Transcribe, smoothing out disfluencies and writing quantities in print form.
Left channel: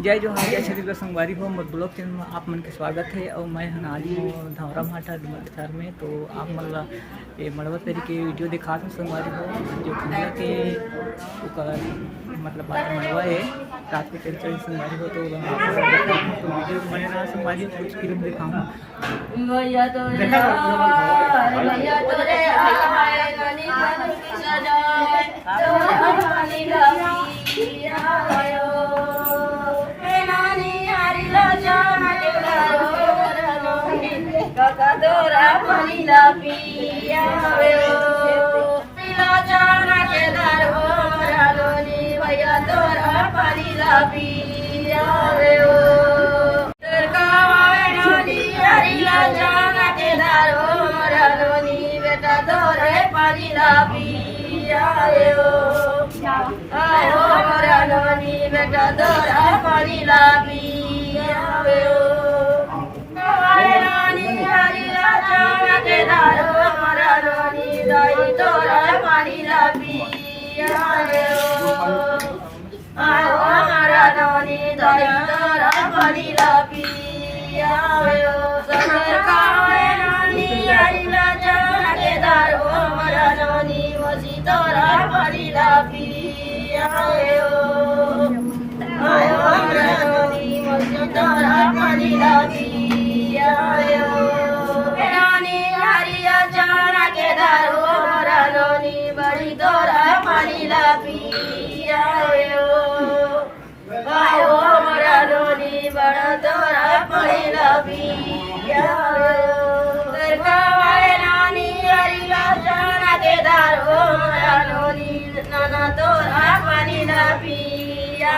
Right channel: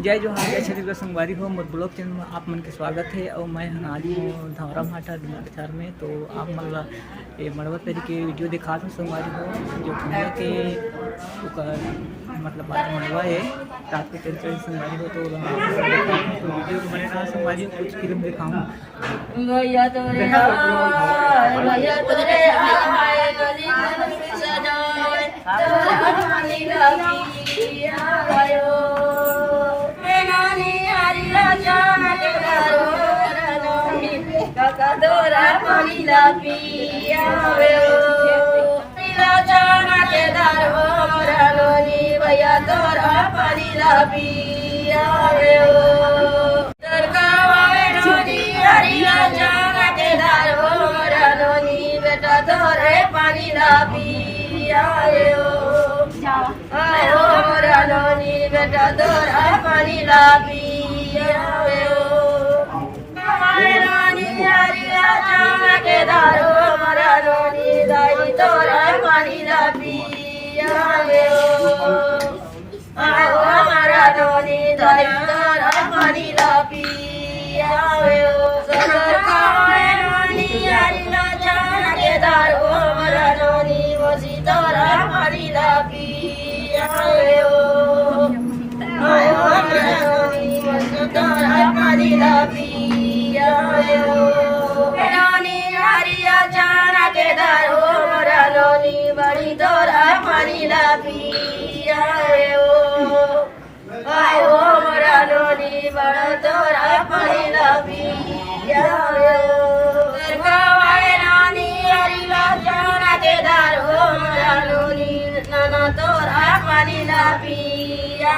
जय जोहार जय छत्तीसगढ़ संगवारी हो मोर ब्लॉग चैनल में आप मन के स्वागत है और मैं हनाली हूँ धौरा भाटा डुमरचार में। तो आप मन ला ये मड़वा तरी के वीडियो दिखा दूँ संगवारी हो जो खंडा के उकर मतलब बाटे मड़वा है रात को तेल चढ़ी संगवारी हो। तो तो वीडियो बने रहा संगवारी हो कुछ फिल्म दिखाऊँ Kakadora panila piya Nilachana ke darho ranoni Vayadora panila piya Darkawainoni Arilachana ke darho ranoni Vetadore panila piya Ayo ranoni Vetadora panila piya Bari dora manila piya ayo maraloni bada dora manila piya Darkawainani arila jana ke daro maraloni nana dora manila piya